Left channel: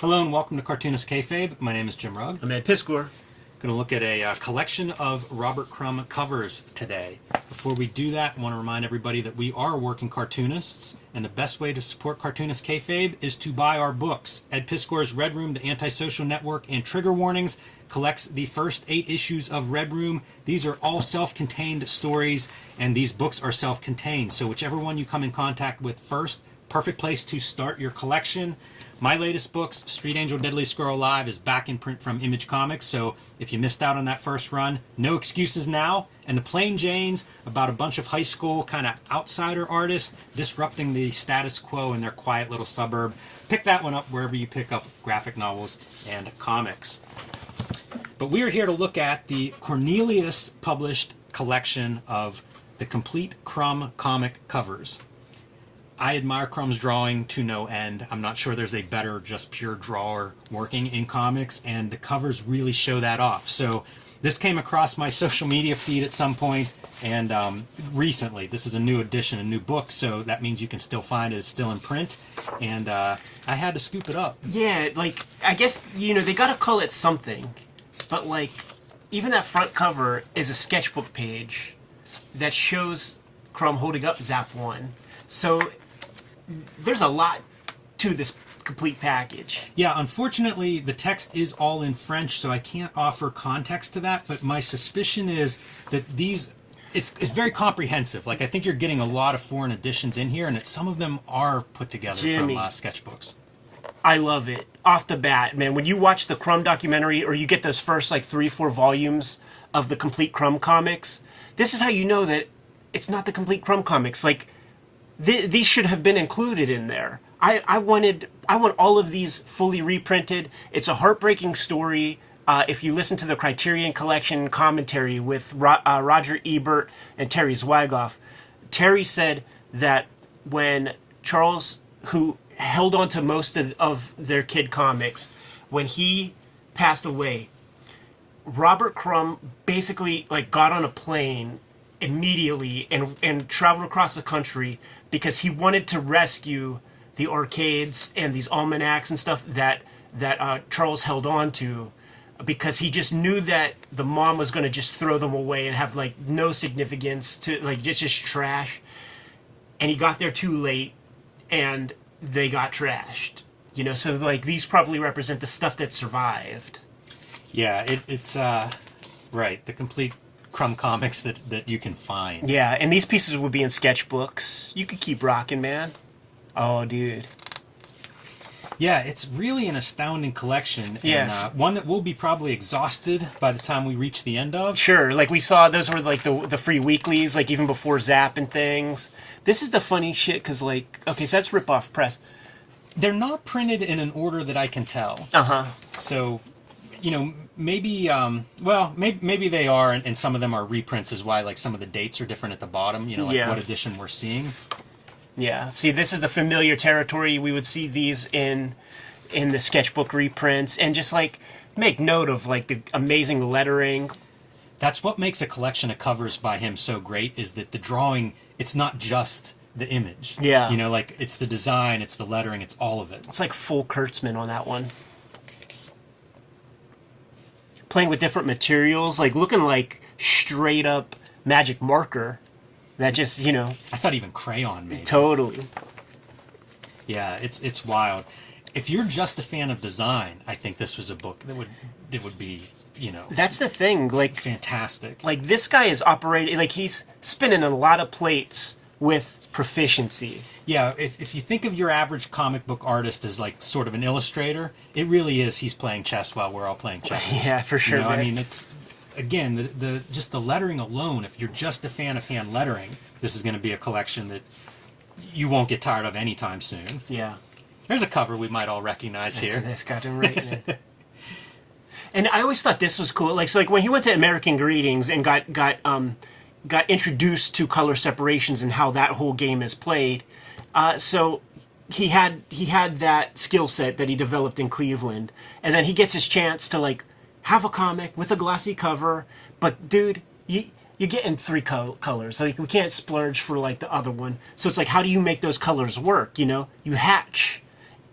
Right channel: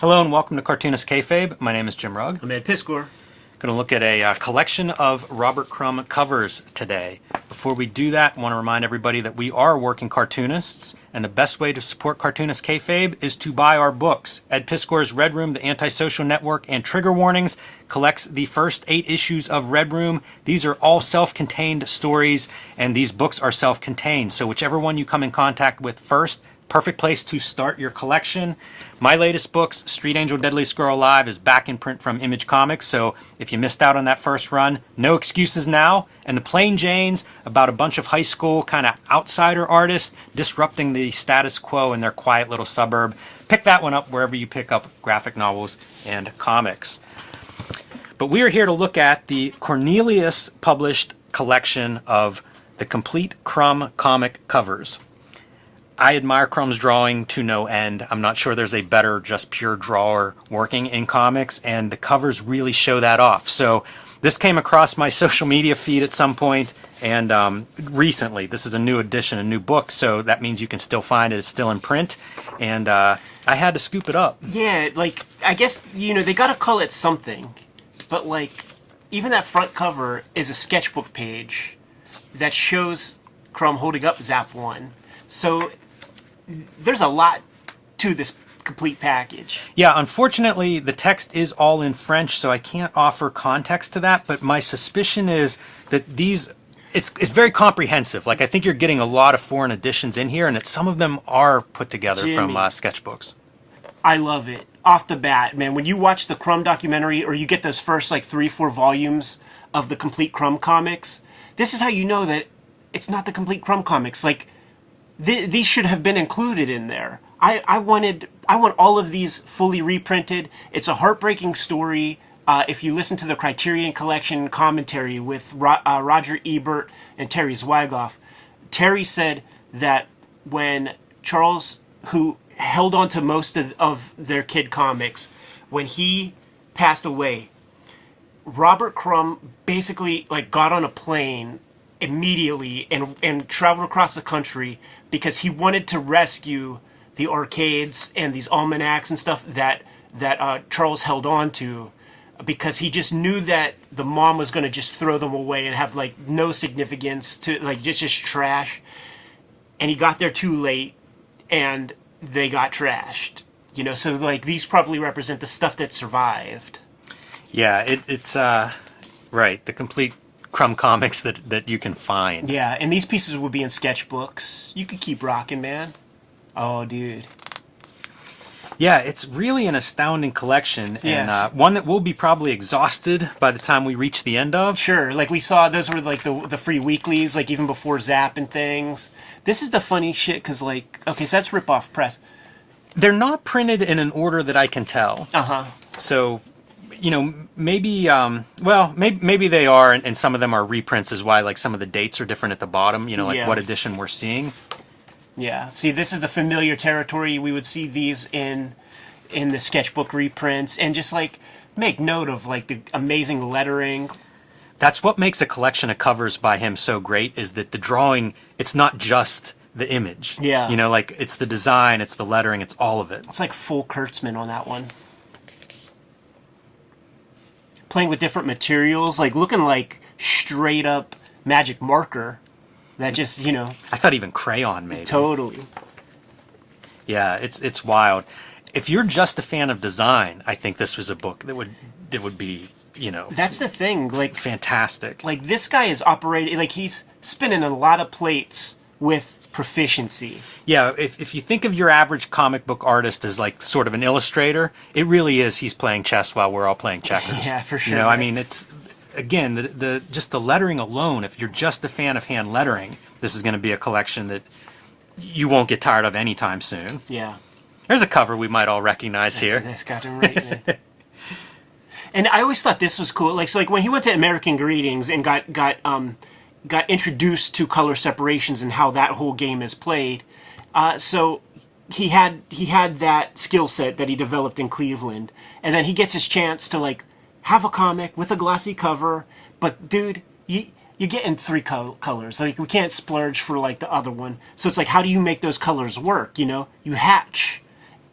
Hello and welcome to Cartoonist Kayfabe. My name is Jim Rugg. I'm Ed Piscor. Going to look at a collection of Robert Crumb covers today. Before we do that, I want to remind everybody that we are working cartoonists, and the best way to support Cartoonist Kayfabe is to buy our books. Ed Piscor's Red Room, The Antisocial Network, and Trigger Warnings collects the first 8 issues of Red Room. These are all self-contained stories, and these books are self-contained. So whichever one you come in contact with first, perfect place to start your collection. My latest books, Street Angel Deadliest Girl Alive, is back in print from Image Comics, so if you missed out on that first run, no excuses now. And The Plain Janes, about a bunch of high school kind of outsider artists disrupting the status quo in their quiet little suburb. Pick that one up wherever you pick up graphic novels and comics. But we are here to look at the Cornelius published collection of the complete Crumb comic covers. I admire Crumb's drawing to no end. I'm not sure there's a better, just pure drawer working in comics, and the covers really show that off. So this came across my social media feed at some point, and recently. This is a new edition, a new book, so that means you can still find it. It's still in print, and I had to scoop it up. Yeah, like, I guess, they gotta call it something, but, like, even that front cover is a sketchbook page that shows Crumb holding up Zap 1. So there's a lot to this complete package. Yeah, unfortunately, the text is all in French, so I can't offer context to that, but my suspicion is that it's very comprehensive. Like, I think you're getting a lot of foreign editions in here, and that some of them are put together from sketchbooks. I love it. Off the bat, man, when you watch the Crumb documentary, or you get those first, 3-4 volumes of the complete Crumb comics, this is how you know that it's not the complete Crumb comics. Like, these should have been included in there. I want all of these fully reprinted. It's a heartbreaking story. If you listen to the Criterion Collection commentary with Roger Ebert and Terry Zwigoff, Terry said that when Charles, who held on to most of their kid comics, when he passed away, Robert Crumb basically got on a plane immediately and traveled across the country because he wanted to rescue the arcades and these almanacs and stuff that Charles held on to, because he just knew that the mom was going to just throw them away and have no significance, to just trash. And he got there too late and they got trashed, so these probably represent the stuff that survived. Yeah, it's right, the complete Crumb comics that you can find. Yeah, and these pieces would be in sketchbooks. You could keep rocking, man. Oh, dude. Yeah, it's really an astounding collection. Yes. And one that will be probably exhausted by the time we reach the end of. Sure, we saw those were the free weeklies, even before Zap and things. This is the funny shit, because okay, so that's rip-off press. They're not printed in an order that I can tell. Uh-huh. So, maybe, maybe they are, and some of them are reprints is why, some of the dates are different at the bottom, what edition we're seeing. Yeah, see, this is the familiar territory. We would see these in the sketchbook reprints, and just, make note of, the amazing lettering. That's what makes a collection of covers by him so great, is that the drawing, it's not just the image. Yeah. It's the design, it's the lettering, it's all of it. It's full Kurtzman on that one. Playing with different materials, looking like straight up magic marker that just, I thought even crayon maybe. Totally. Yeah, it's wild. If you're just a fan of design, I think this was a book that would be, That's the thing, fantastic. This guy is operating, he's spinning a lot of plates with proficiency. Yeah, if you think of your average comic book artist as sort of an illustrator, it really is he's playing chess while we're all playing checkers. Yeah, for sure. I mean, it's, again, the just the lettering alone, if you're just a fan of hand lettering, this is going to be a collection that you won't get tired of anytime soon. Yeah. There's a cover we might all recognize here. That's goddamn right, man. And I always thought this was cool. So when he went to American Greetings and got introduced to color separations and how that whole game is played, so he had that skill set that he developed in Cleveland, and then he gets his chance to have a comic with a glossy cover, but dude, you're getting 3 colors. We can't splurge for the other one. So it's how do you make those colors work? You hatch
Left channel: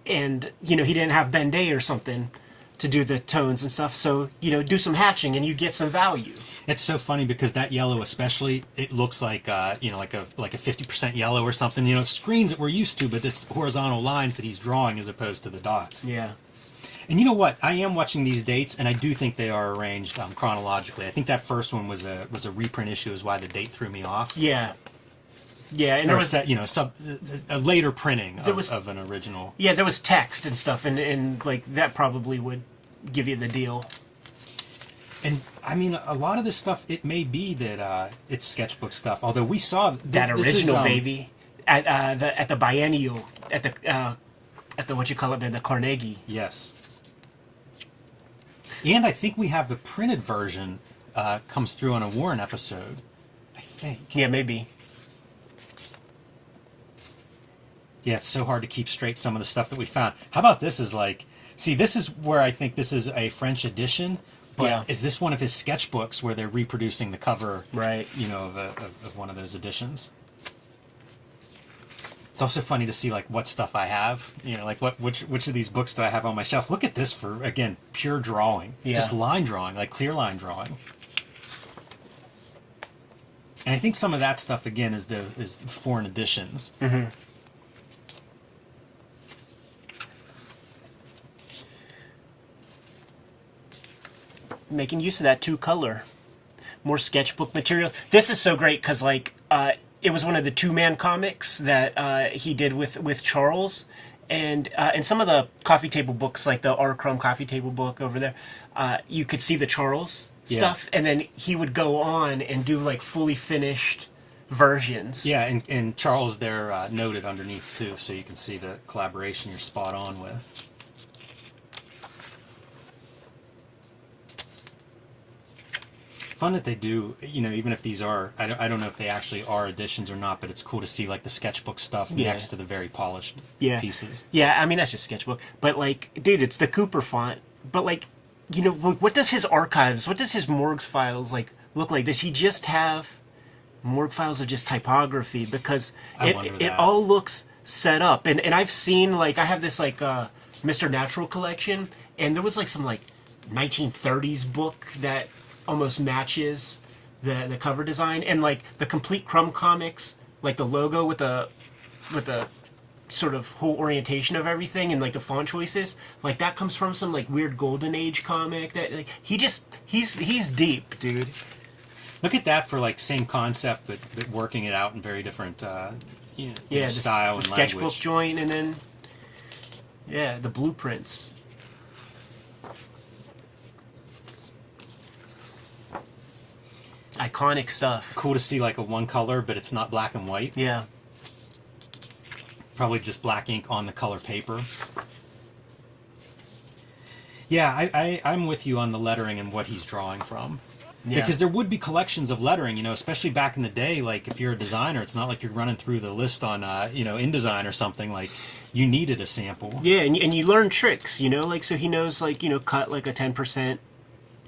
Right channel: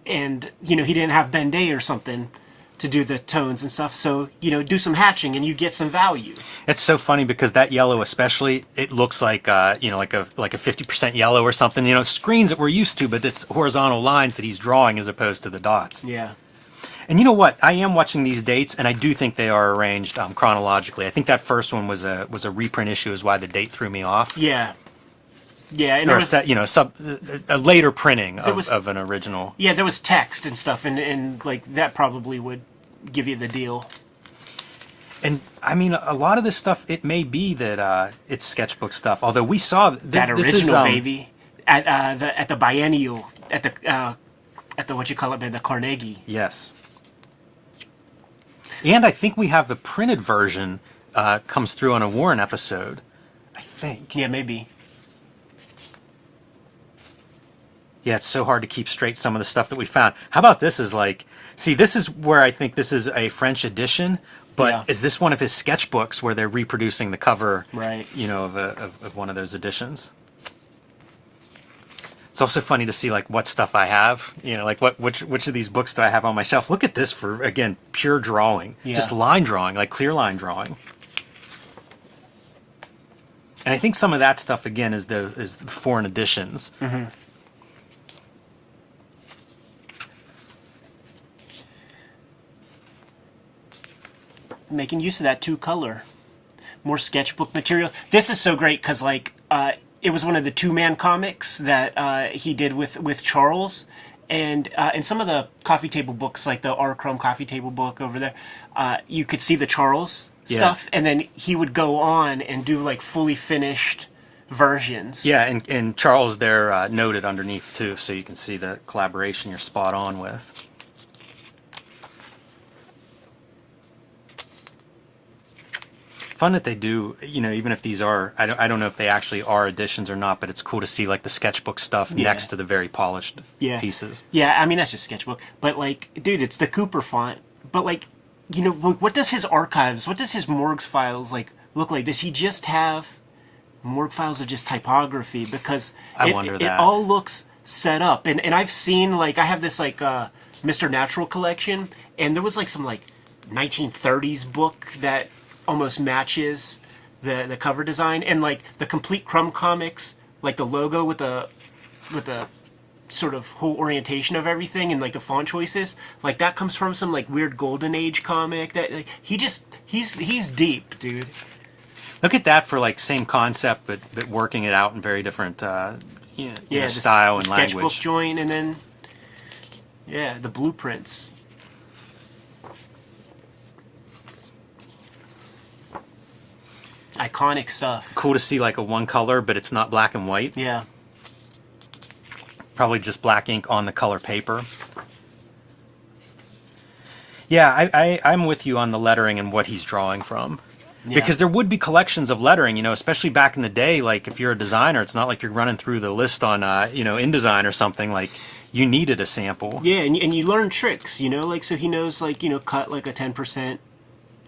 and he didn't have Ben Day or something to do the tones and stuff. So do some hatching and you get some value. It's so funny because that yellow, especially, it looks like like a 50% yellow or something. Screens that we're used to, but it's horizontal lines that he's drawing as opposed to the dots. Yeah. And you know what? I am watching these dates, and I do think they are arranged chronologically. I think that first one was a reprint issue, is why the date threw me off. Yeah. Yeah, and or a later printing of an original. Yeah, there was text and stuff, and like that probably would give you the deal. And I mean, a lot of this stuff, it may be that it's sketchbook stuff. Although we saw that original baby at the biennial at the what you call it, the Carnegie. Yes. And I think we have the printed version comes through on a Warren episode. I think. Yeah, maybe. Yeah, it's so hard to keep straight some of the stuff that we found. How about this is like, see, this is where I think this is a French edition, but is this one of his sketchbooks where they're reproducing the cover, right? Of one of those editions? It's also funny to see like what stuff I have, like which of these books do I have on my shelf? Look at this for, again, pure drawing, just line drawing, like clear line drawing. And I think some of that stuff again is the foreign editions. Mm-hmm. Making use of that 2-color, more sketchbook materials. This is so great because like it was one of the 2-man comics that he did with Charles, and in some of the coffee table books, like the R. Crumb coffee table book over there, you could see the Charles stuff, and then he would go on and do like fully finished versions. Yeah, and Charles there noted underneath too, so you can see the collaboration you're spot on with. Fun that they do, even if these are, I don't know if they actually are editions or not, but it's cool to see like the sketchbook stuff next to the very polished pieces. Yeah, I mean, that's just sketchbook. But like, dude, it's the Cooper font. But like, what does his archives, what does his morgues files like look like? Does he just have morgue files of just typography? Because it all looks set up. And I've seen, like, I have this like Mr. Natural collection, and there was like some like 1930s book that almost matches the cover design, and like the complete Crumb comics, like the logo with the sort of whole orientation of everything and like the font choices, like that comes from some like weird golden age comic that like, he's deep, dude. Look at that for like same concept but working it out in very different style and sketchbook language. Sketchbook joint, and then the blueprints. Iconic stuff. Cool to see like a one color, but it's not black and white. Yeah. Probably just black ink on the color paper. Yeah, I'm with you on the lettering and what he's drawing from. Yeah. Because there would be collections of lettering, especially back in the day. Like if you're a designer, it's not like you're running through the list on, InDesign or something. Like you needed a sample. Yeah, and you learn tricks, like so he knows like cut like a 10%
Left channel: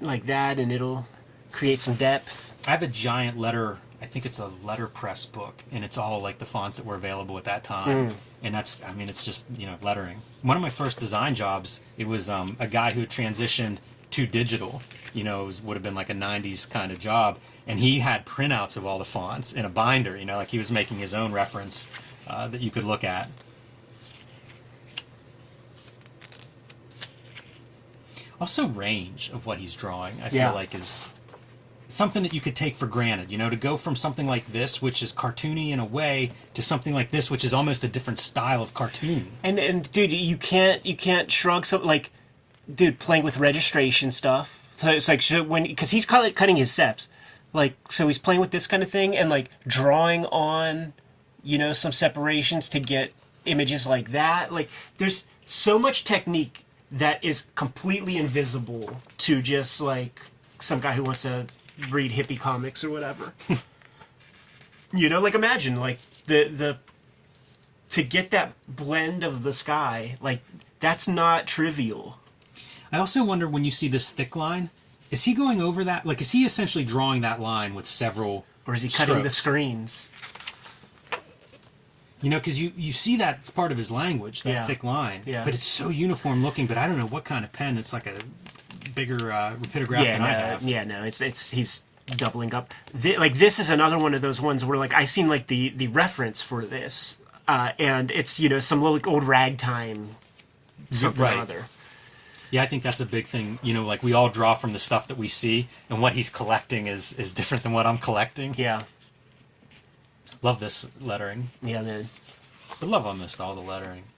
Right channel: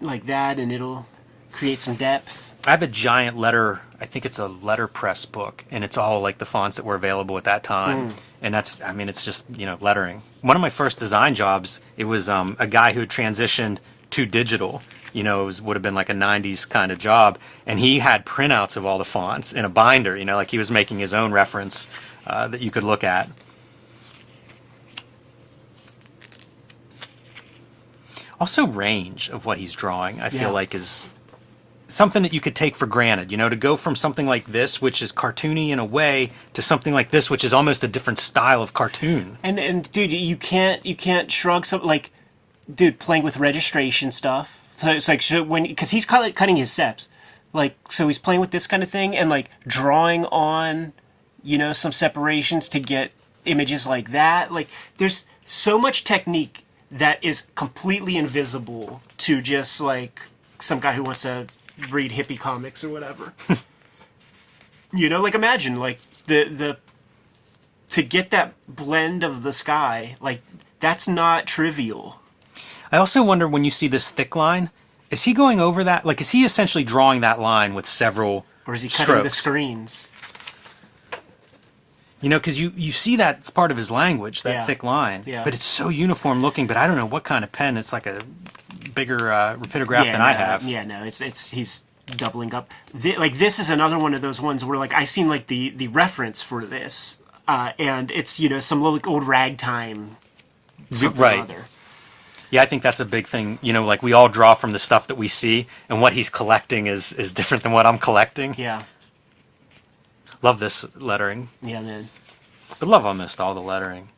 like that, and it'll create some depth. I have a giant letter, I think it's a letterpress book, and it's all like the fonts that were available at that time. And that's, I mean, it's just, lettering. One of my first design jobs, it was a guy who transitioned to digital. It would have been like a 90s kind of job. And he had printouts of all the fonts in a binder, like he was making his own reference that you could look at. Also range of what he's drawing, I feel like is something that you could take for granted, to go from something like this, which is cartoony in a way, to something like this, which is almost a different style of cartoon. And dude, you can't shrug something like, dude, playing with registration stuff. So it's like because he's cutting his steps, like so he's playing with this kind of thing and like drawing on, some separations to get images like that. Like there's so much technique that is completely invisible to just like some guy who wants to read hippie comics or whatever. Like imagine like the to get that blend of the sky, like that's not trivial. I also wonder when you see this thick line, is he going over that? Like, is he essentially drawing that line with several Or is he cutting the screens? You know, because you see that it's part of his language, that thick line. Yeah. But it's so uniform looking. But I don't know what kind of pen. It's like a bigger rapidograph than I have. Yeah, no, it's he's doubling up. Like this is another one of those ones where like I seen like the reference for this, and it's some little like, old ragtime something or other. Yeah, I think that's a big thing. You know, like we all draw from the stuff that we see, and what he's collecting is different than what I'm collecting. Yeah. Love this lettering. Yeah, man. But love almost all the lettering.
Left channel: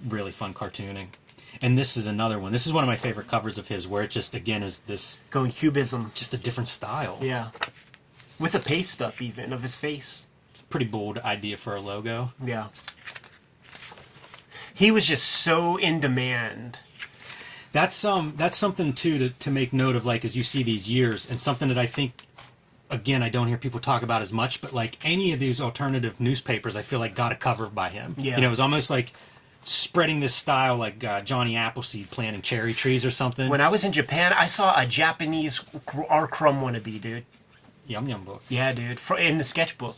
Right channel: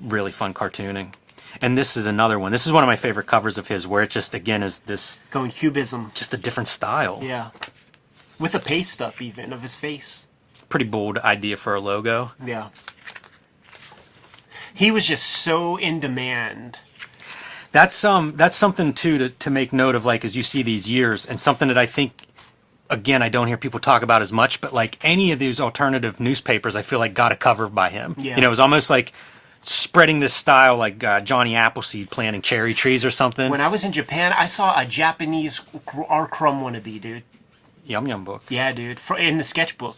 Really fun cartooning. And this is another one. This is one of my favorite covers of his, where it just, again, is this... Going cubism. Just a different style. Yeah. With a paste up, even, of his face. Pretty bold idea for a logo. Yeah. He was just so in demand. That's something, too, to make note of, like, as you see these years, and something that I think... Again, I don't hear people talk about as much, but like any of these alternative newspapers, I feel like got a cover by him. Yeah. You know, it was almost like spreading this style like Johnny Appleseed planting cherry trees or something. When I was in Japan, I saw a Japanese R. Crumb wannabe, dude. Yum Yum book. Yeah, dude. In the sketchbook.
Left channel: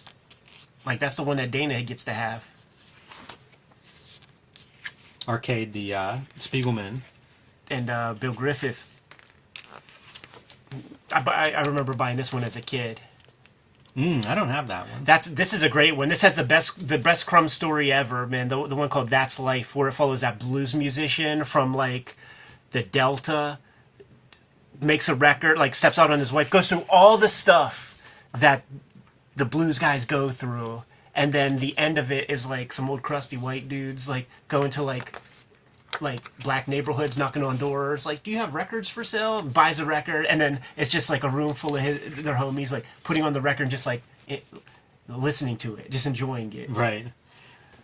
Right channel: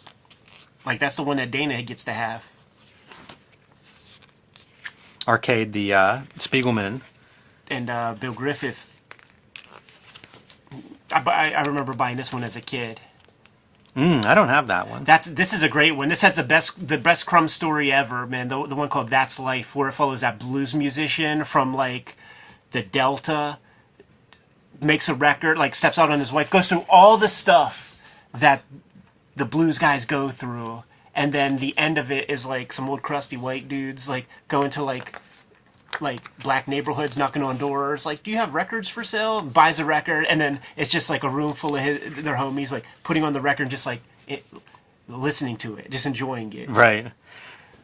Like, that's the one that Dana gets to have. Arcade, the Spiegelman. And Bill Griffith. I remember buying this one as a kid. I don't have that one. This is a great one. This has the best Crumb story ever, man. The one called That's Life, where it follows that blues musician from like the Delta, makes a record, like steps out on his wife, goes through all the stuff that the blues guys go through, and then the end of it is like some old crusty white dudes like going to like black neighborhoods, knocking on doors, like, do you have records for sale? Buys a record, and then it's just like a room full of their homies, like putting on the record, and just like listening to it, just enjoying it. Right.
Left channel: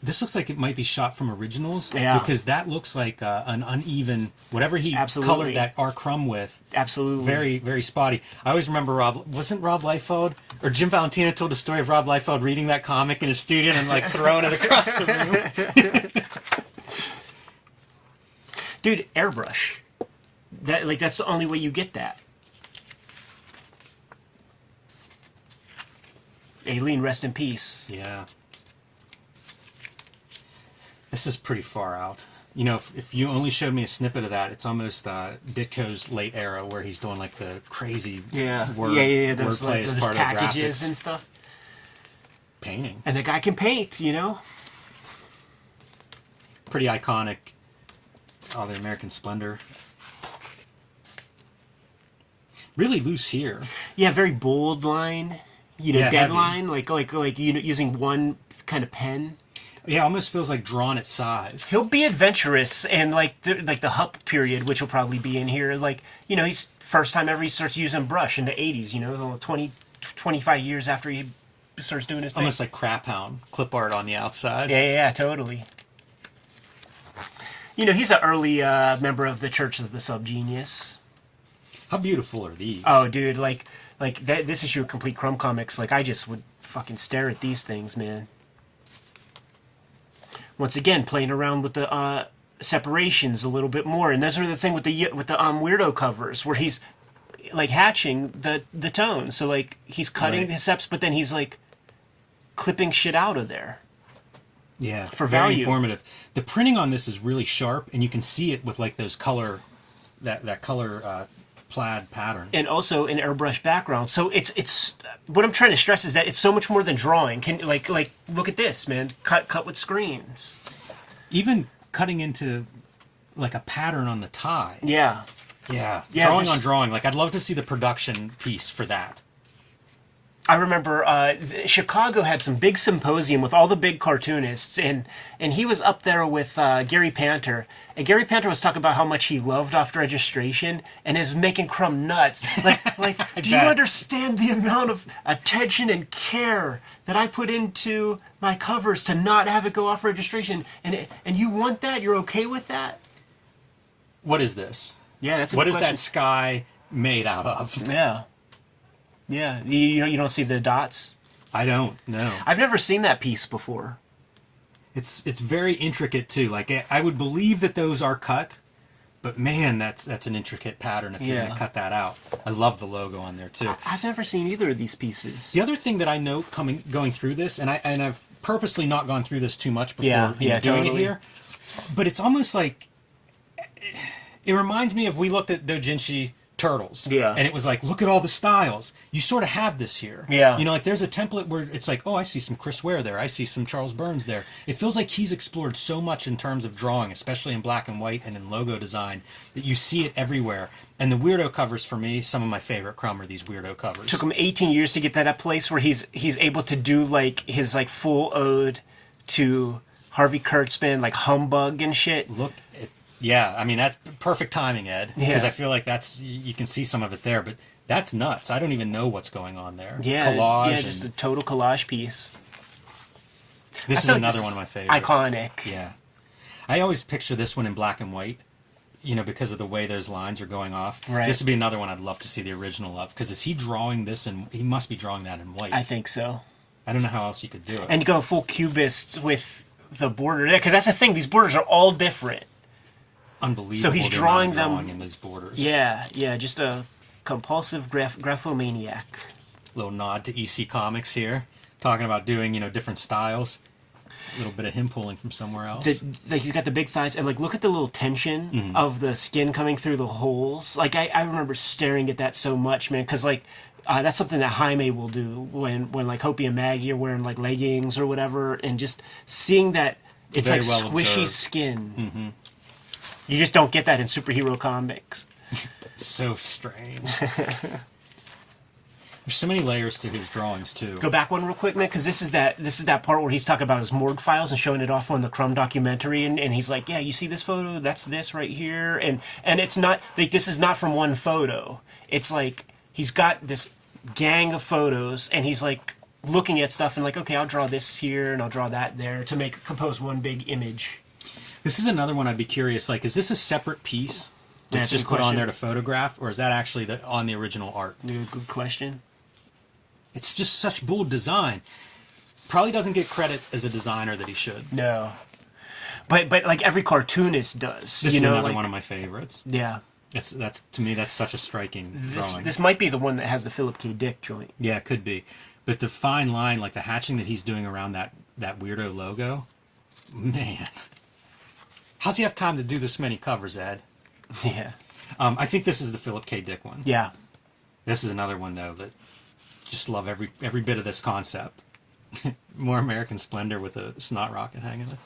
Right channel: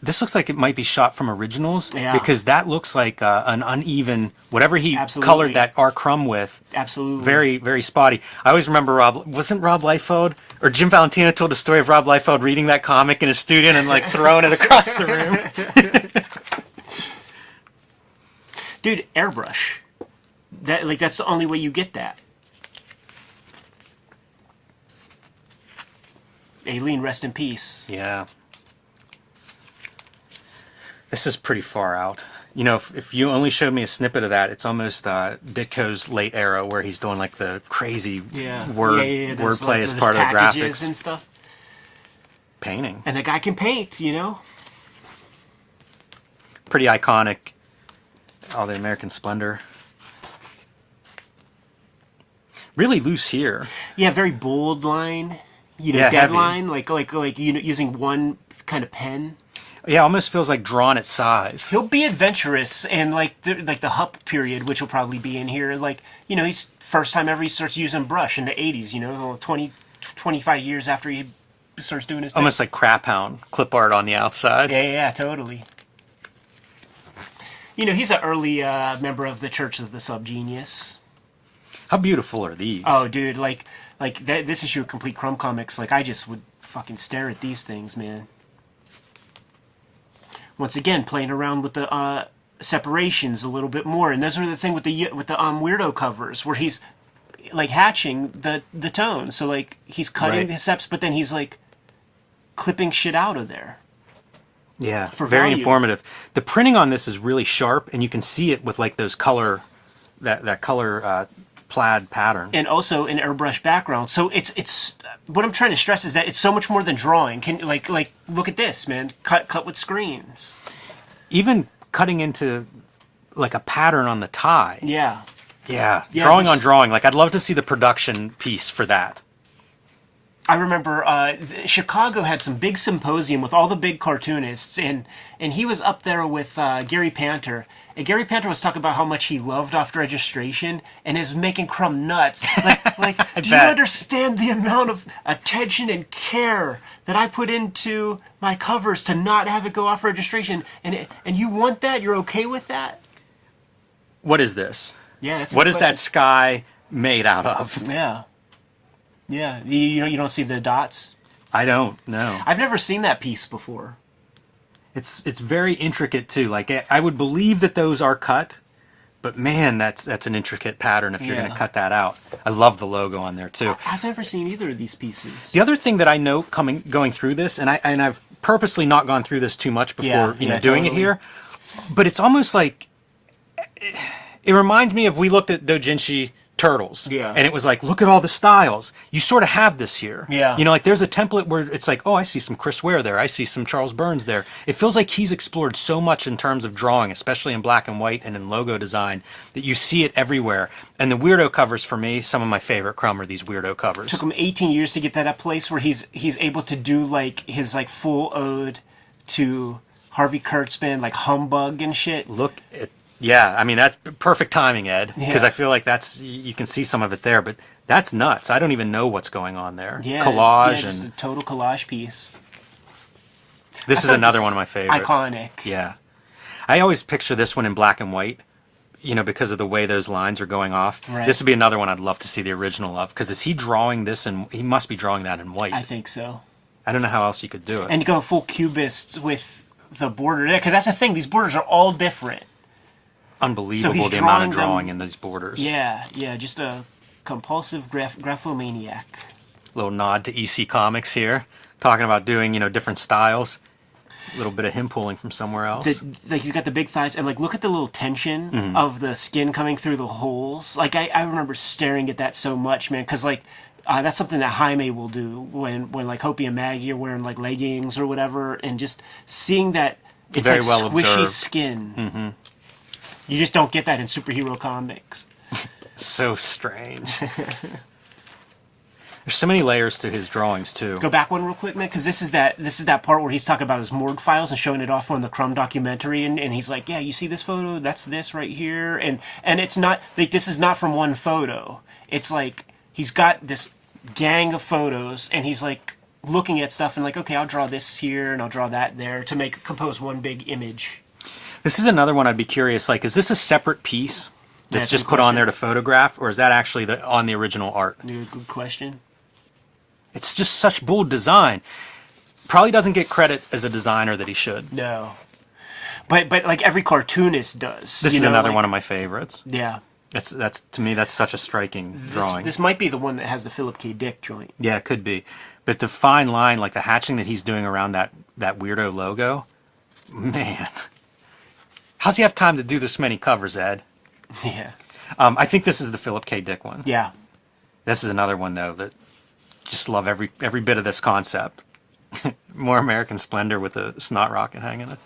This looks like it might be shot from originals. Yeah. Because that looks like an uneven, whatever he Absolutely. colored that R. Crumb with. Absolutely. Very, very spotty. I always remember wasn't Rob Liefeld, or Jim Valentino told a story of Rob Liefeld reading that comic in his studio and like throwing it across the room. Dude, airbrush. That's the only way you get that. Aileen, rest in peace. Yeah. This is pretty far out. You know, if you only showed me a snippet of that, it's almost Ditko's late era where he's doing like the crazy wordplay as part of the packages graphics and stuff. Painting. And the guy can paint, you know? Pretty iconic. All the American Splendor. Really loose here. Yeah, very bold line. You know, Yeah, dead heavy. line, like you know, using one kind of pen. Yeah, almost feels like drawn at size. He'll be adventurous, and like the Hup period, which will probably be in here. Like, you know, he's first time ever he starts using brush in the 80s, you know, 25 years after he starts doing his thing. Almost like Crap Hound, clip art on the outside. Yeah, totally. You know, he's an early member of the Church of the Subgenius. How beautiful are these? Oh, dude, like this issue of Complete Crumb Comics, like I just would fucking stare at these things, man. Once again, playing around with the separations a little bit more, and those are the thing with the weirdo covers where he's like hatching the tone. So like he's cutting his seps, but then he's like clipping shit out of there. Yeah, for very value. informative. The printing on this is really sharp, and you can see it with like those color, that color plaid pattern. And also an airbrush background. So it's what I'm trying to stress is that it's so much more than drawing. Can like look at this, man. Cut with screens. Even cutting into like a pattern on the tie. Yeah. Yeah. Yeah, Drawing there's- on drawing. Like I'd love to see the production piece for that. I remember Chicago had some big symposium with all the big cartoonists, and he was up there with Gary Panter. And Gary Panter was talking about how much he loved After Registration and is making Crumb nuts. Like do you bet. understand the amount of attention and care that I put into my covers to not have it go off registration? And you want that? You're okay with that? What is this? Yeah, that's a What good is question. that sky made out of? Yeah. Yeah, you don't see the dots? I don't know. I've never seen that piece before. It's very intricate too. Like I would believe that those are cut, But man, that's an intricate pattern if you're Yeah. going to cut that out. I love the logo on there too. I've never seen either of these pieces. The other thing that I note going through this, and I've purposely not gone through this too much before doing totally. it here, but it's almost like it reminds me of we looked at doujinshi turtles, and it was like, look at all the styles. You sort of have this here, You know, like there's a template where it's like, oh, I see some Chris Ware there, I see some Charles Burns there. It feels like he's explored so much in terms of drawing, especially in black and white and in logo design, that you see it everywhere. And the weirdo covers for me, some of my favorite Crumb are these weirdo covers. Took him 18 years to get that at place where he's able to do like his like full ode to Harvey Kurtzman, like Humbug and shit. Look at Yeah, I mean, that's perfect timing, Ed, because Yeah. I feel like you can see some of it there, but that's nuts. I don't even know what's going on there. Yeah, collage. yeah, just a total collage piece. This is feel like another this one of my favorites. Iconic. Yeah. I always picture this one in black and white, you know, because of the way those lines are going off. Right. This would be another one I'd love to see the original of, because is he drawing this, and he must be drawing that in white. I think so. I don't know how else you could do it. And go full cubists with the border there, because that's the thing. These borders are all different. Unbelievable. So he's the drawing amount of them- drawing in these borders. Yeah, just a compulsive graphomaniac. Little nod to EC Comics here, talking about doing, you know, different styles. A little bit of him pulling from somewhere else. Like he's got the big thighs, and like look at the little tension of the skin coming through the holes. Like I remember staring at that so much, man, because like that's something that Jaime will do when like Hopi and Maggie are wearing like leggings or whatever, and just seeing that it's Very like well squishy observed. skin. You just don't get that in superhero comics. It's so strange. There's so many layers to his drawings too. Go back one real quick, man, because this is that part where he's talking about his morgue files and showing it off on the Crumb documentary, and he's like, yeah, you see this photo? That's this right here, and it's not like this is not from one photo. It's like he's got this gang of photos, and he's like looking at stuff and like, okay, I'll draw this here and I'll draw that there to compose one big image. This is another one I'd be curious. Like, is this a separate piece that's That's a just good put on question. there to photograph, or is that actually on the original art? Good question. It's just such bold design. Probably doesn't get credit as a designer that he should. No, but like every cartoonist does. This you is know, another like- one of my favorites. Yeah. That's to me, that's such a striking drawing. This might be the one that has the Philip K. Dick joint. Yeah, it could be. But the fine line, like the hatching that he's doing around that weirdo logo, man. How's he have time to do this many covers, Ed? Yeah. I think this is the Philip K. Dick one. Yeah. This is another one, though, that just love every bit of this concept. More American Splendor with a snot rocket hanging out.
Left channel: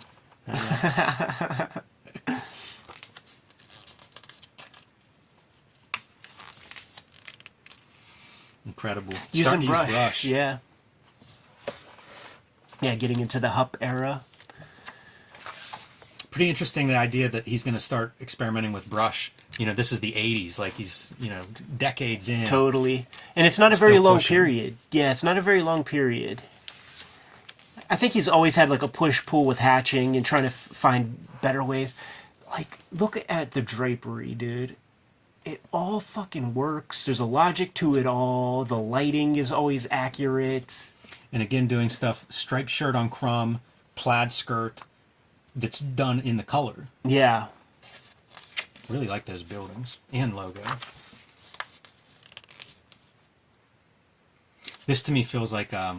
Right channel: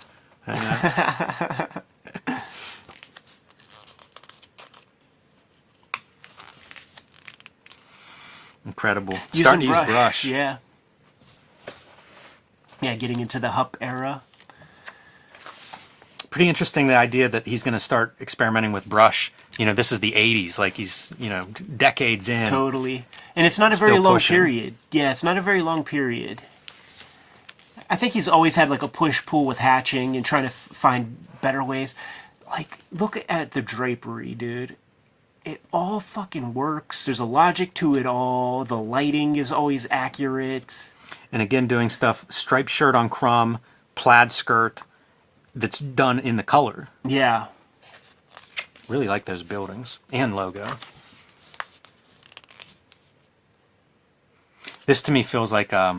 Incredible. Starting to use brush. Yeah. Yeah, getting into the Hup era. Pretty interesting, the idea that he's going to start experimenting with brush. You know, this is the 80s, like he's, you know, decades in. Totally. And it's not a very Still long pushing. period. Yeah, it's not a very long period. I think he's always had like a push-pull with hatching and trying to find better ways. Like, look at the drapery, dude. It all fucking works. There's a logic to it all. The lighting is always accurate. And again, doing stuff, striped shirt on Crumb, plaid skirt, that's done in the color. Yeah. Really like those buildings and logo. This to me feels like a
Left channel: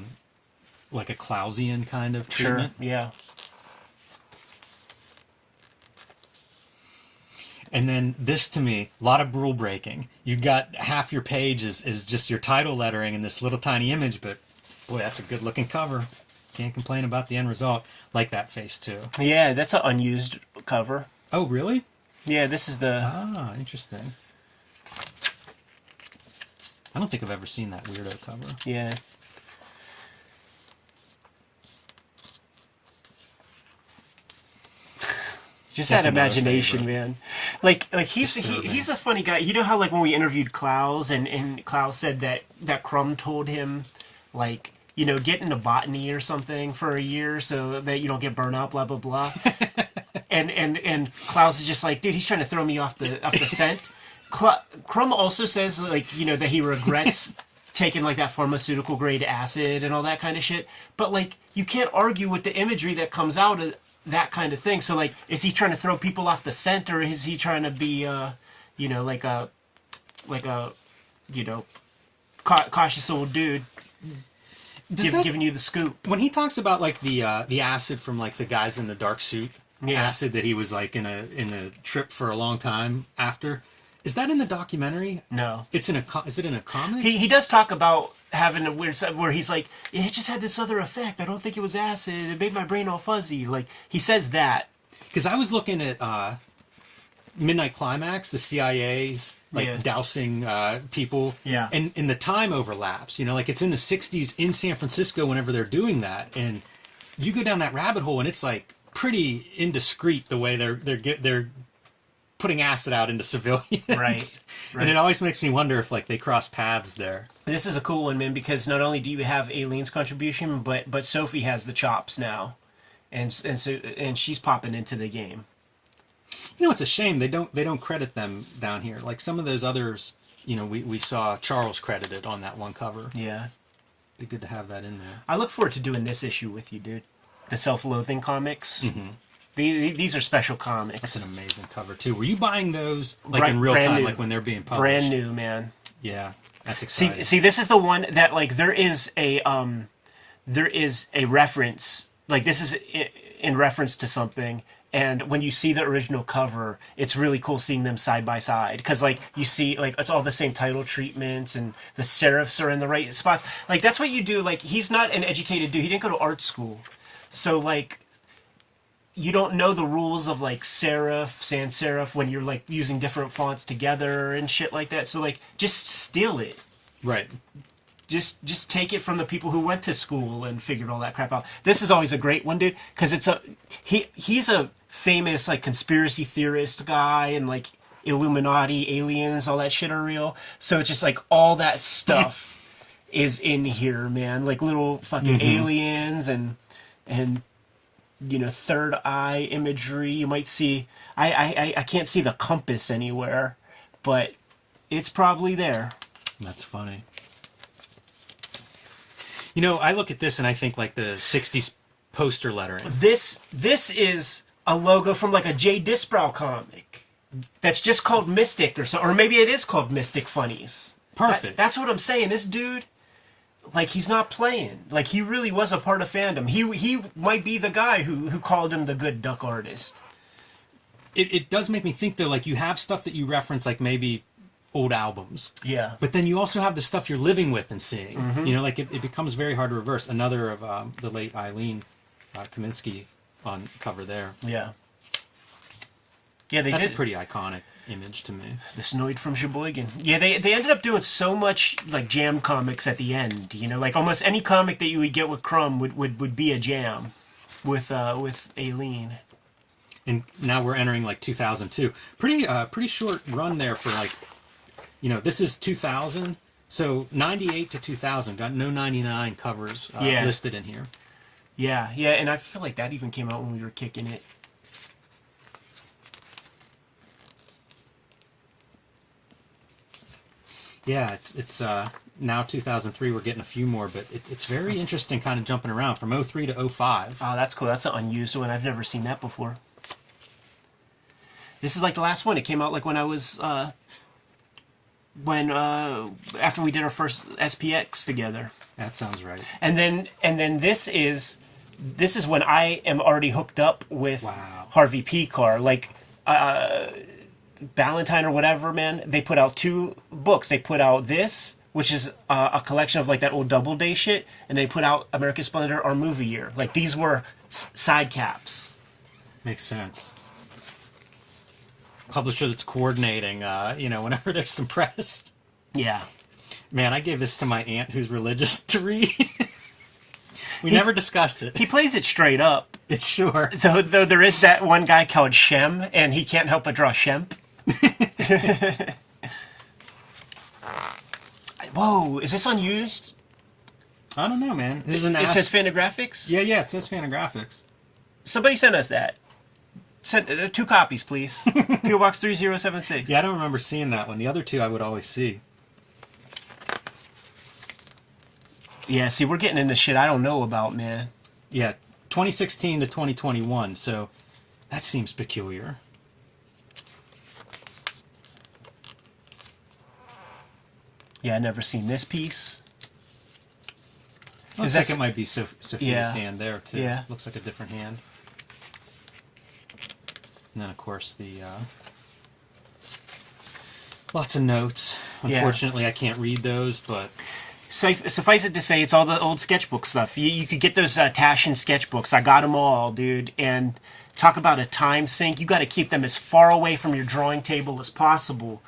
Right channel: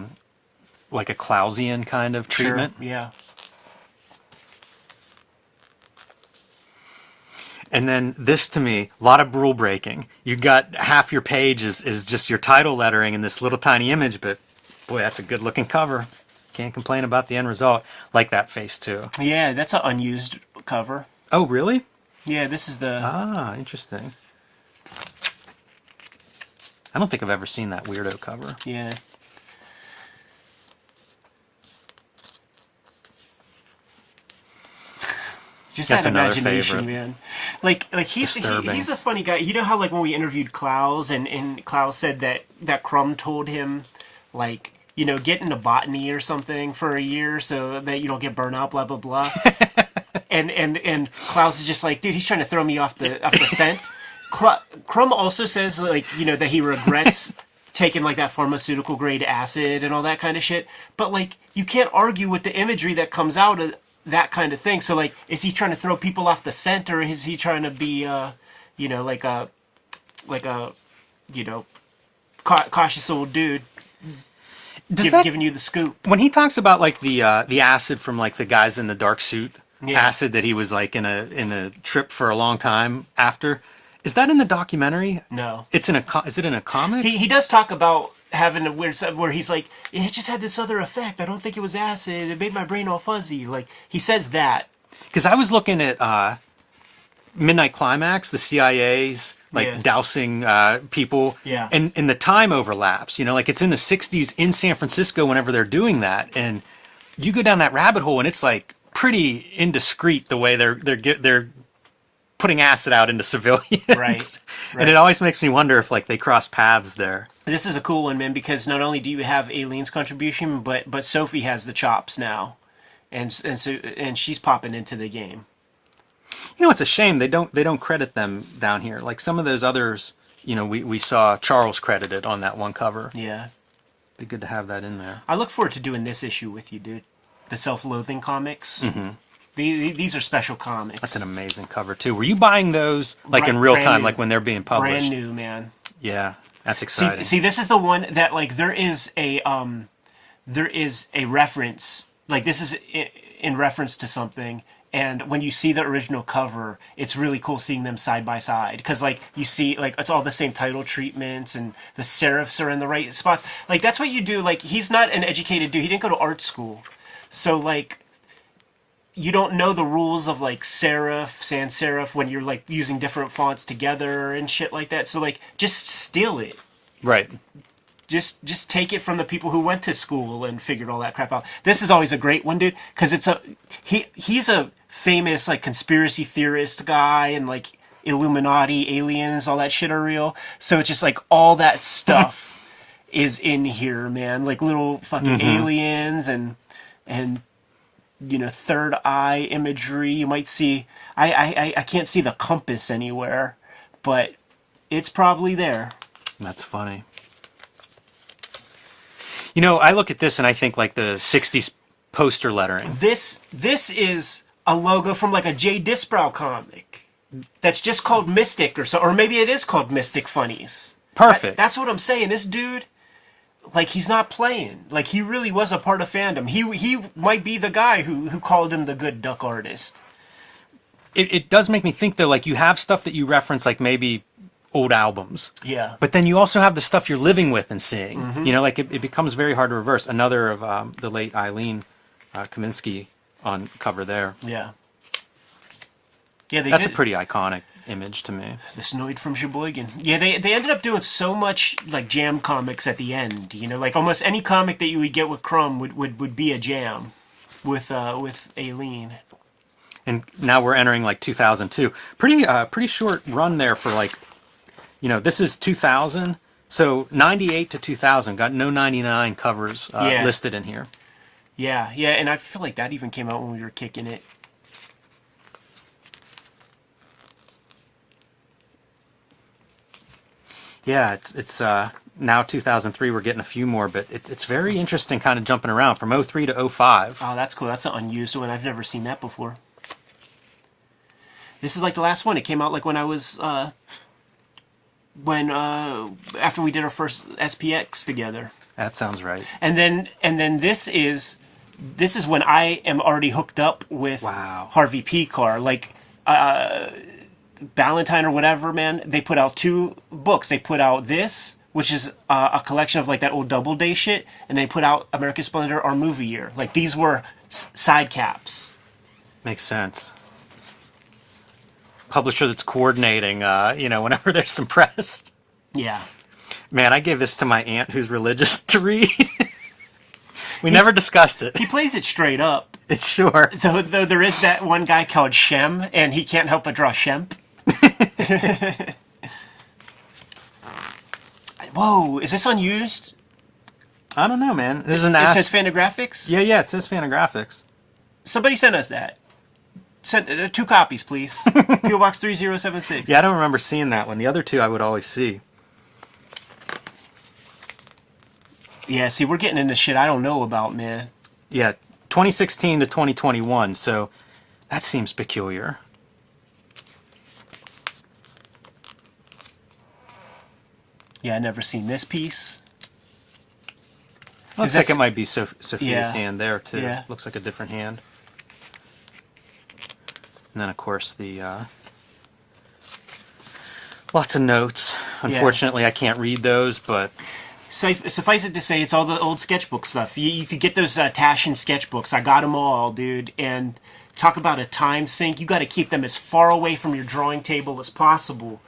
Clausian kind of treatment. Sure. Yeah. And then this to me, a lot of rule breaking. You got half your page is just your title lettering and this little tiny image, but boy, that's a good looking cover. Can't complain about the end result. Like that face too. Yeah, that's an unused cover. Oh, really? Yeah, this is the... Ah, interesting. I don't think I've ever seen that weirdo cover. Yeah. Just That's that another imagination, favorite. man. Like he's Disturbing. he's a funny guy. You know how like when we interviewed Klaus and Klaus said that Crumb told him like, you know, get into botany or something for a year so that you don't get burnt out, blah blah blah. and Klaus is just like, dude, he's trying to throw me off the scent. Crumb also says like, you know, that he regrets taking like that pharmaceutical grade acid and all that kind of shit. But like, you can't argue with the imagery that comes out that kind of thing. So like, is he trying to throw people off the scent, or is he trying to be, like a, cautious old dude giving you the scoop? When he talks about like the acid from like the guys in the dark suit, Yeah. acid that he was like in a trip for a long time after, is that in the documentary? No. It's in a. Is it in a comic? He does talk about having a weird stuff where he's like, it just had this other effect. I don't think it was acid. It made my brain all fuzzy. Like, he says that. Because I was looking at Midnight Climax, the CIA's dousing people. Yeah. And the time overlaps. You know, like it's in the 60s in San Francisco whenever they're doing that. And you go down that rabbit hole and it's like pretty indiscreet the way they're putting acid out into civilians. Right. And it always makes me wonder if like they cross paths there. This is a cool one, man, because not only do you have Aileen's contribution, but Sophie has the chops now. And she's popping into the game. You know, it's a shame they don't credit them down here. Like some of those others, you know, we saw Charles credited on that one cover. Yeah. Be good to have that in there. I look forward to doing this issue with you, dude. The self-loathing comics. Mm-hmm. These are special comics. That's an amazing cover too. Were you buying those like in real time, like when they're being published? Brand new, man. Yeah, that's exciting. See, this is the one that like there is a reference. Like this is in reference to something. And when you see the original cover, it's really cool seeing them side by side. Because, like, you see, like, it's all the same title treatments and the serifs are in the right spots. Like, that's what you do. Like, he's not an educated dude. He didn't go to art school. So, like, you don't know the rules of, like, serif, sans serif when you're, like, using different fonts together and shit like that. So, like, just steal it. Right. Just take it from the people who went to school and figured all that crap out. This is always a great one, dude, because he's a famous like conspiracy theorist guy and like Illuminati, aliens, all that shit are real. So it's just like all that stuff is in here, man. Like little fucking aliens and you know, third eye imagery. You might see. I can't see the compass anywhere, but it's probably there. That's funny. You know, I look at this and I think like the 60s poster lettering. This is a logo from like a Jay Disbrow comic that's just called Mystic or so, or maybe it is called Mystic Funnies. Perfect. That's what I'm saying. This dude, like, he's not playing. Like, he really was a part of fandom. He might be the guy who called him the good duck artist. It does make me think though, like you have stuff that you reference, like maybe old albums. Yeah. But then you also have the stuff you're living with and seeing. Mm-hmm. You know, like it becomes very hard to reverse. Another of the late Eileen Kaminsky on cover there. Yeah. Yeah, That's a pretty iconic image to me. The Snoid from Sheboygan. Yeah, they ended up doing so much like jam comics at the end. You know, like almost any comic that you would get with Crumb would be a jam with Aileen. And now we're entering like 2002. Pretty short run there for like, you know, this is 2000. So 98 to 2000 got no 99 covers listed in here. Yeah, and I feel like that even came out when we were kicking it. Yeah, it's now 2003. We're getting a few more, but it's very interesting, kind of jumping around from 03 to 05. Oh, that's cool. That's an unused one. I've never seen that before. This is like the last one. It came out like when I was after we did our first SPX together. That sounds right. And then this is when I am already hooked up with Harvey P. Carr. Like Valentine or whatever, man. They put out 2 books. They put out this, which is a collection of like that old Doubleday shit, and they put out American Splendor, Our Movie Year. Like these were side caps. Makes sense. Publisher that's coordinating, you know, whenever there's some press. Yeah. Man, I gave this to my aunt who's religious to read. We never discussed it. He plays it straight up. Sure. Though there is that one guy called Shem, and he can't help but draw Shemp. Whoa, is this unused? I don't know, man. There's It says Fantagraphics? Yeah, it says Fantagraphics. Somebody send us that. Send 2 copies, please. P.O. Box 3076. Yeah, I don't remember seeing that one. The other 2 I would always see. Yeah, see, we're getting into shit I don't know about, man. Yeah, 2016 to 2021, so that seems peculiar. Yeah, I never seen this piece. Looks like it might be Sophia's hand there, too. Yeah. Looks like a different hand. And then, of course, the... lots of notes. Unfortunately, I can't read those, but... Suffice it to say, it's all the old sketchbook stuff. You could get those Taschen sketchbooks. I got them all, dude. And talk about a time sink. You got to keep them as far away from your drawing table as possible,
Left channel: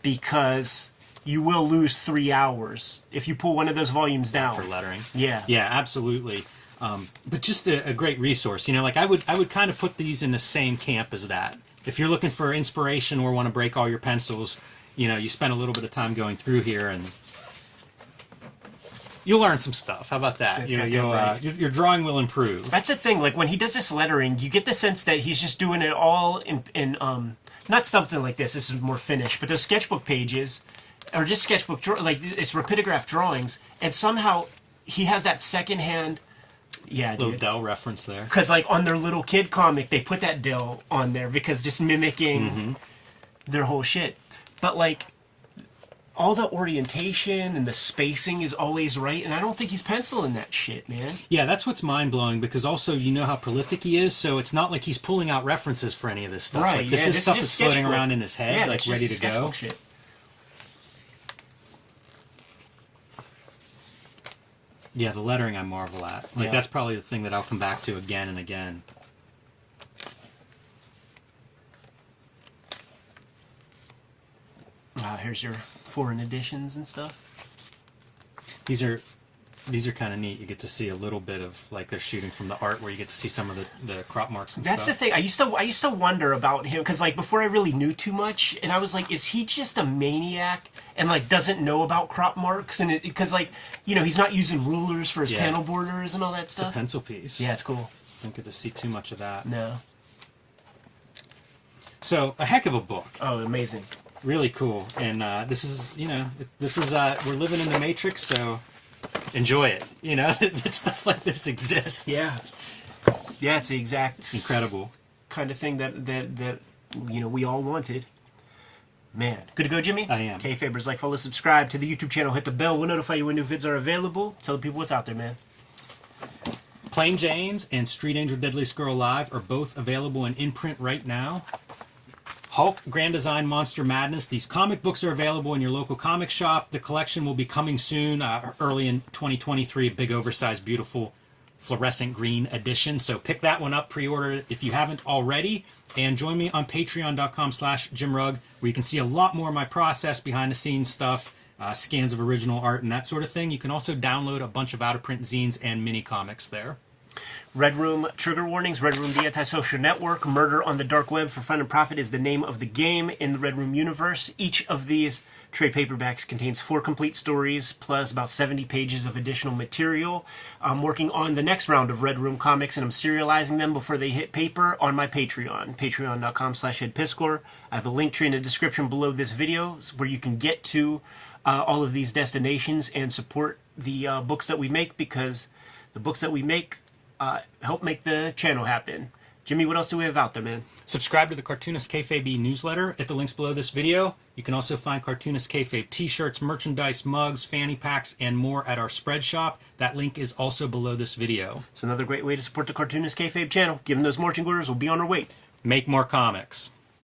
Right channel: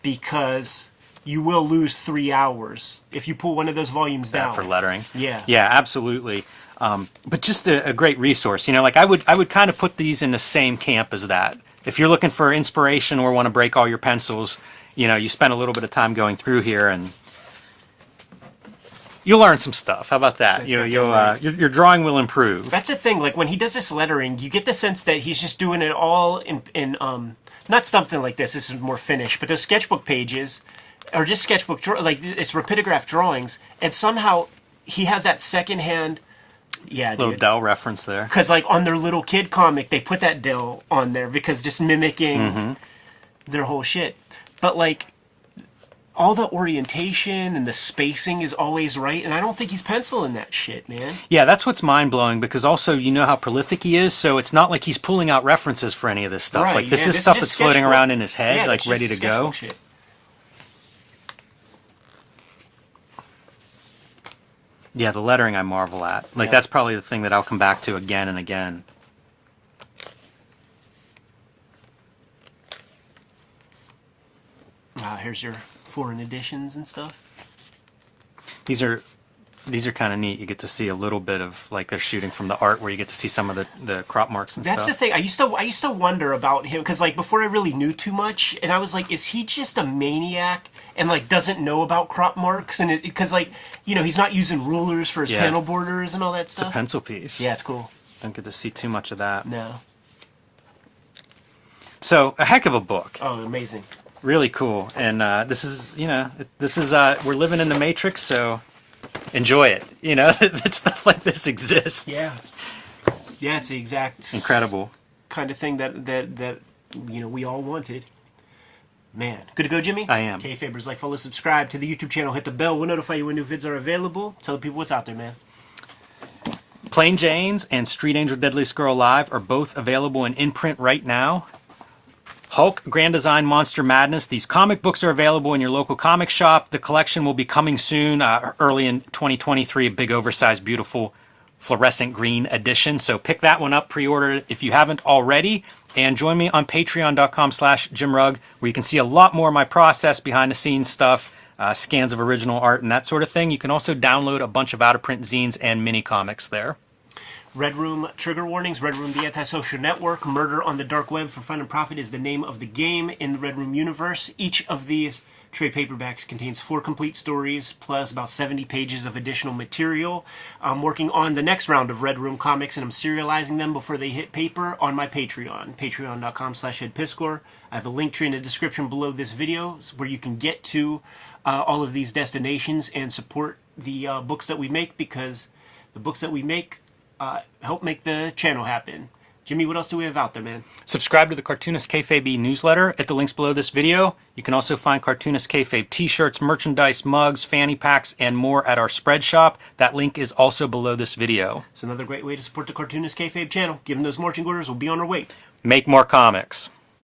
because you will lose 3 hours if you pull one of those volumes down. For lettering. Yeah. Yeah, absolutely. But just a great resource. You know, like I would kind of put these in the same camp as that. If you're looking for inspiration or want to break all your pencils, you know, you spend a little bit of time going through here and you'll learn some stuff. How about that? Your drawing will improve. That's the thing. Like when he does this lettering, you get the sense that he's just doing it all in not something like this. This is more finished, but those sketchbook pages are just sketchbook like it's rapidograph drawings, and somehow he has that secondhand. Yeah, little dude. Dell reference there. Because like on their little kid comic, they put that Dell on there because just mimicking their whole shit. But like all the orientation and the spacing is always right, and I don't think he's penciling that shit, man. Yeah, that's what's mind-blowing, because also you know how prolific he is, so it's not like he's pulling out references for any of this stuff. Right, Like this is stuff that's floating around in his head, like ready to go. Shit. Yeah, the lettering I marvel at. Like that's probably the thing that I'll come back to again and again. Here's your foreign editions and stuff. These are kind of neat. You get to see a little bit of, like, they're shooting from the art where you get to see some of the crop marks and That's stuff. the thing. I used to wonder about him because, like, before I really knew too much, and I was like, is he just a maniac and like doesn't know about crop marks? And because, like, you know, he's not using rulers for his panel borders and all that stuff. It's a pencil piece. Yeah, it's cool. Don't get to see too much of that. No. So a heck of a book. Oh, amazing. Really cool. And this is, you know, we're living in the Matrix, so enjoy it. You know, that stuff like this exists. Yeah. Yeah, it's the exact incredible kind of thing that you know we all wanted. Man, good to go, Jimmy. I am. Kayfabers, like, follow, subscribe to the YouTube channel, hit the bell. We'll notify you when new vids are available. Tell the people what's out there, man. Plain Janes and Street Angel Deadliest Girl Alive are both available in print right now. Hulk Grand Design Monster Madness. These comic books are available in your local comic shop. The collection will be coming soon, early in 2023. A big, oversized, beautiful, fluorescent green edition. So pick that one up, pre-order it if you haven't already. And join me on patreon.com/JimRugg, where you can see a lot more of my process, behind-the-scenes stuff, scans of original art, and that sort of thing. You can also download a bunch of out-of-print zines and mini comics there. Red Room trigger warnings. Red Room, the antisocial network. Murder on the dark web for fun and profit is the name of the game in the Red Room universe. Each of these trade paperbacks contains 4 complete stories plus about 70 pages of additional material. I'm working on the next round of Red Room comics, and I'm serializing them before they hit paper on my Patreon, patreon.com/edpiscor. I have a link tree in the description below this video where you can get to all of these destinations and support the books that we make, because the books that we make help make the channel happen. Jimmy, what else do we have out there, man? Subscribe to the Cartoonist Kayfabe newsletter at the links below this video. You can also find Cartoonist Kayfabe t-shirts, merchandise, mugs, fanny packs, and more at our spread shop. That link is also below this video. It's another great way to support the Cartoonist Kayfabe channel. Given those marching orders, we'll be on our way. Make more comics.